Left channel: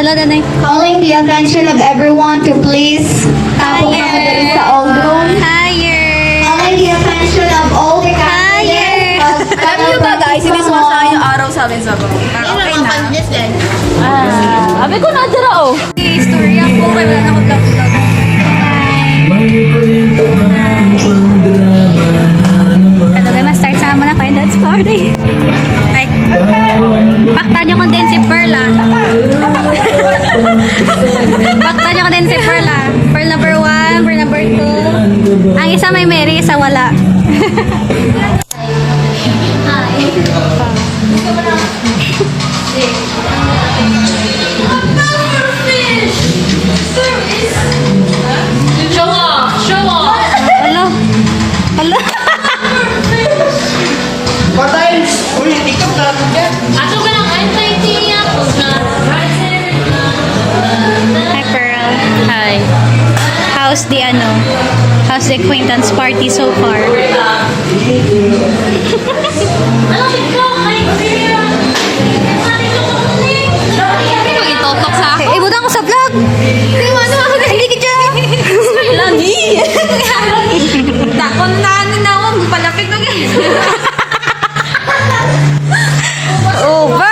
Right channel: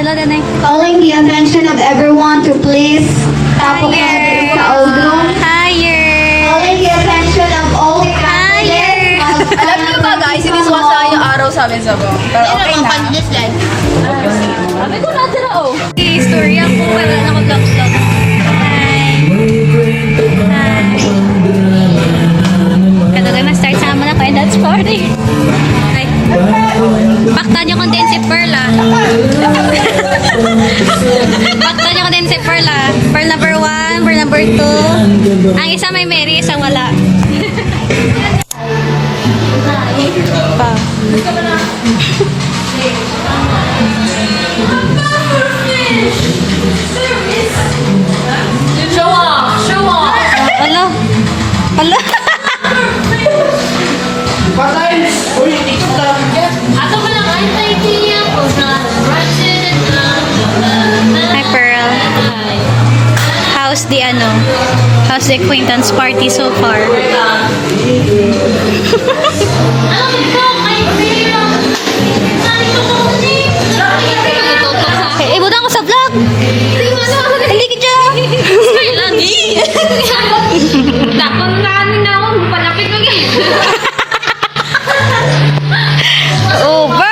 Hello, Danay. Calling the attention of everyone to please Higher. sa old room. Higher. Calling the attention of all the candidates. Alam niyo ba guys, hindi sumasayang yung araw sa amin sa bong. Pero okay na. Sabi ko na dira oh. Okay, story ako. Wala na ako vlog-vlog. Kaya doon ma-start sama na kayo dance party. Ay. Paktan niyo kung din si Pearl ah. Paktan niyo kung din si Pearl ah. Pearl number 1, Pearl number 2. Ang isa may Mary, isa wala. Pa. Hello. Hello. Patay! Uy, ikot na! Ato ba lang ang criteria ko na Hi Pearl. Hi. How's the How's the acquaintance party so far? Eh, ibutang ko sa vlog. Hindi ka. Lagi! Takon na kanin na ako, palapit na guys. Over.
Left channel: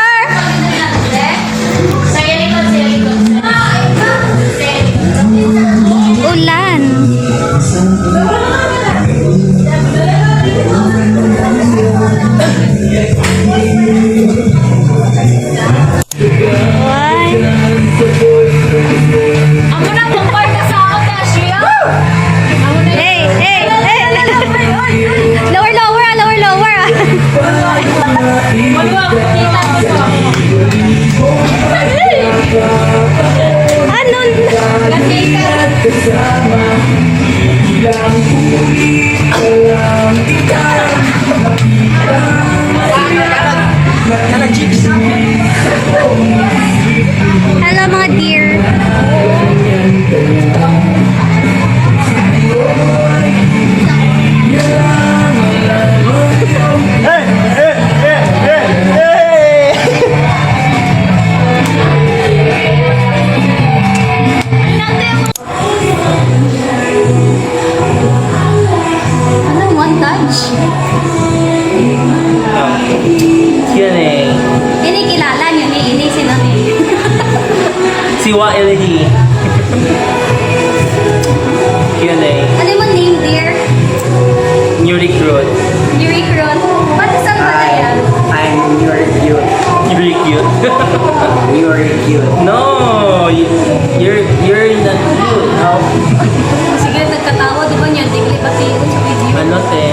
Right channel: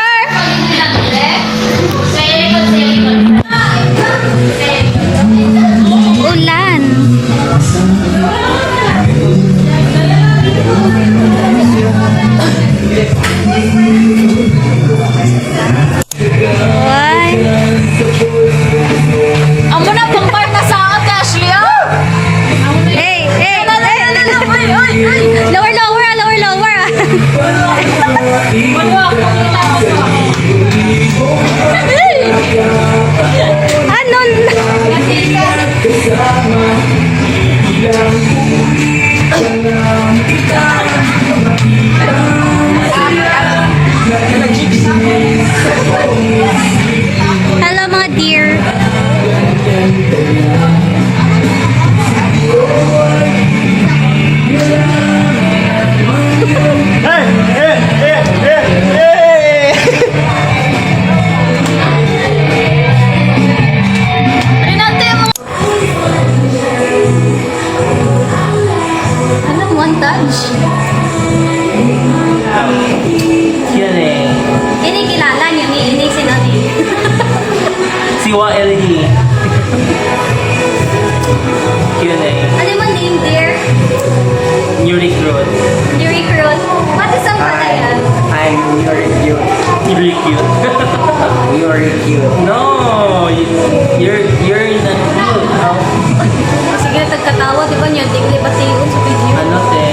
Ulan. Why? Amo na pang parta sa akin, Cassia! Hey, hey, hey. Lower, lower, ah, lower, lower. Ah. Ano? Hello mga dear. Hey! Hey! Hey! Hey! Hey! Ano, montage? Yan eh. Ini kilala niyo ni ini sinani. Siwa LG. Yan eh. Ano mo name dear? New recruit. New recruit. What is up na I'm new recruit. New recruit. New recruit. No! You're not cute. How? Sige, nagkatawa, di ba niyo? Di ko ipatiyon sa video. Ano te?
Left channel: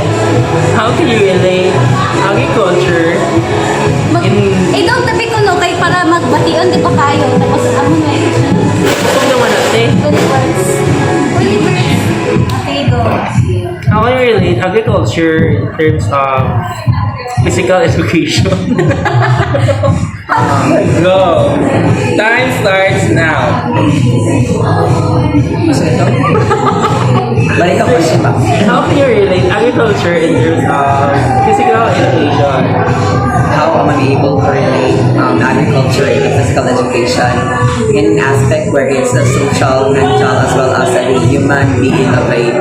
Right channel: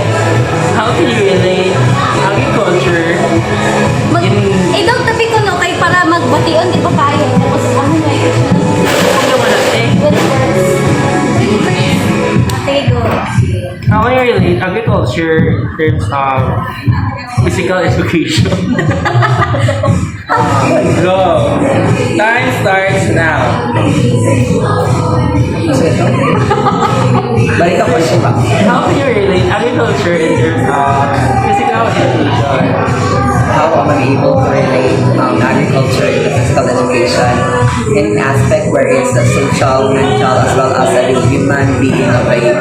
How do you relate agriculture Eh, daw tabi ko no, kay para magbation, di ba kayo? Tapos ano na yun? Kung naman natin, When it works. Okay, go. how do you relate agriculture in terms of physical education? Go! Time starts now. Kasi ito? Balik ako sa pa. How can you relate agriculture in terms of physical education? How am I able to relate agriculture into physical education in an aspect where it's a social, mental, as well as a human being of a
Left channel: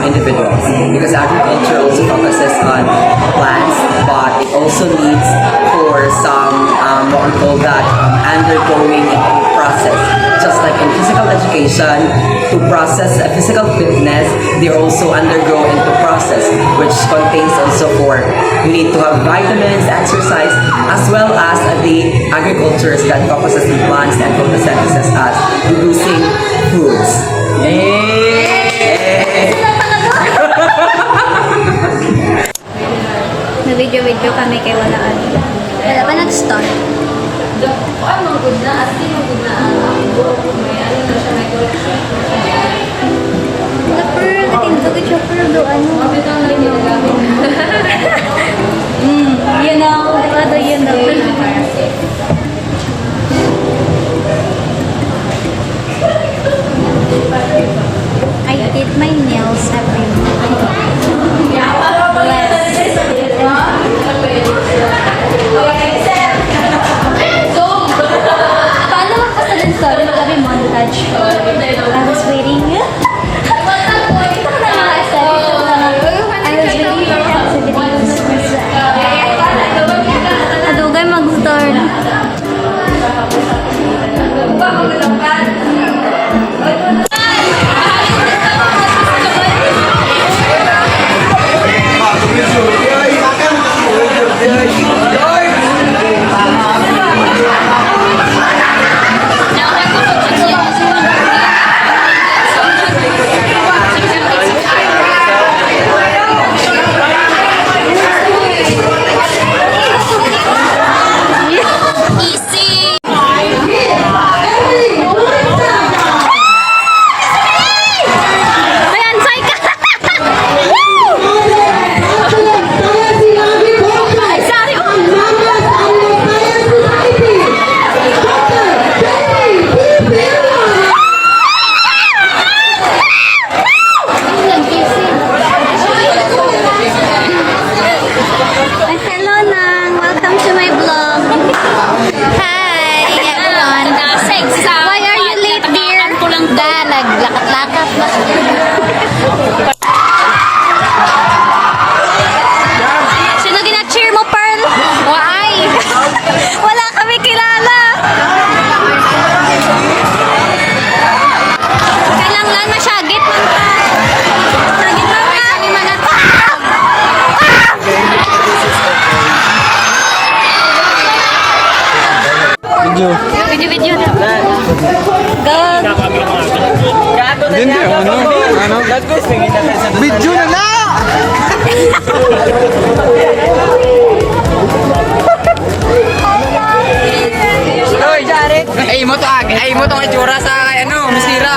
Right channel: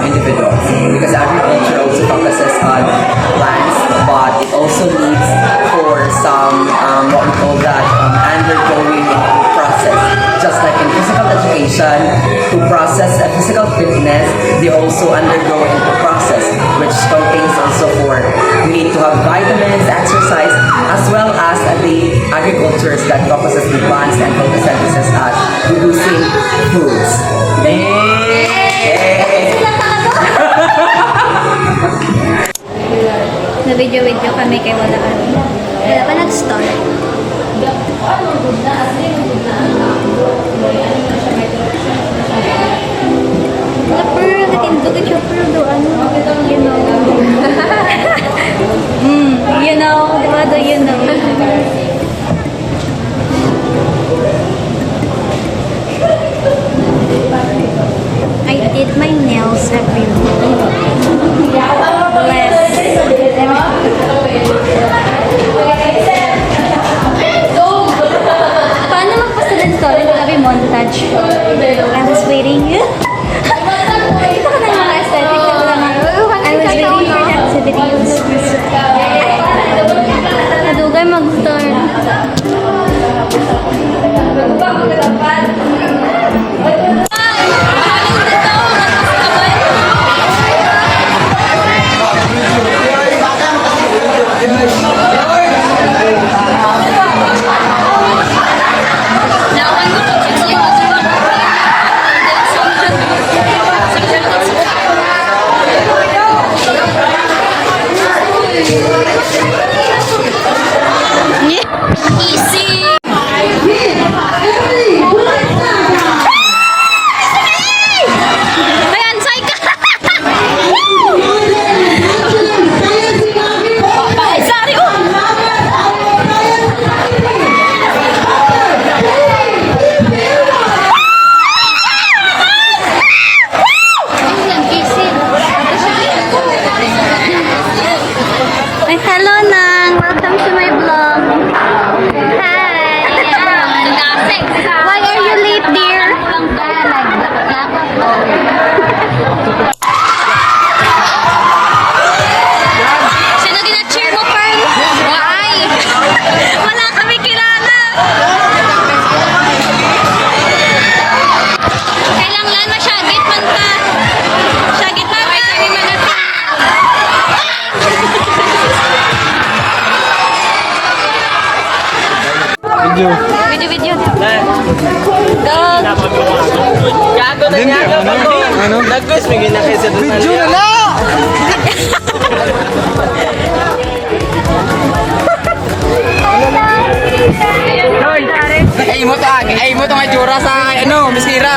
individuals? Because agriculture also focuses on plants, but it also needs for some what we call that undergoing into process. Just like in physical education, to process physical fitness, they also undergo into process, which contains also for you need to have vitamins, exercise, as well as the agricultures that focuses on plants and photosynthesis as producing foods. Na video kami kay wala ano. Kaya ka nag-start. Chopper, naging bago chopper do ano, you know. You know, di ba do you know? I did my nails every morning. Bless. Paano magpasada story mo gabi montage. I was waiting. Ito ko na mga aesthetic. Ito ko na mga, I was waiting for the activities. Nadugay mag-store na. Ayan, Saika! Woo! Sorry ko! Ay, hello Nang! Welcome to my vlog! Hi everyone! Why are you late, dear? Naglakad-lakad pa. Sino gina-cheer mo, Pearl? Why? Wala kami kilala. Kailang lang na siya. Git man ta. Siya git man ta. Siya git man ta. Video na. Go. Gago na niya ako. Nagkos may ginagawa sa video na lang. Ay mo to nga jura sa ano, misira.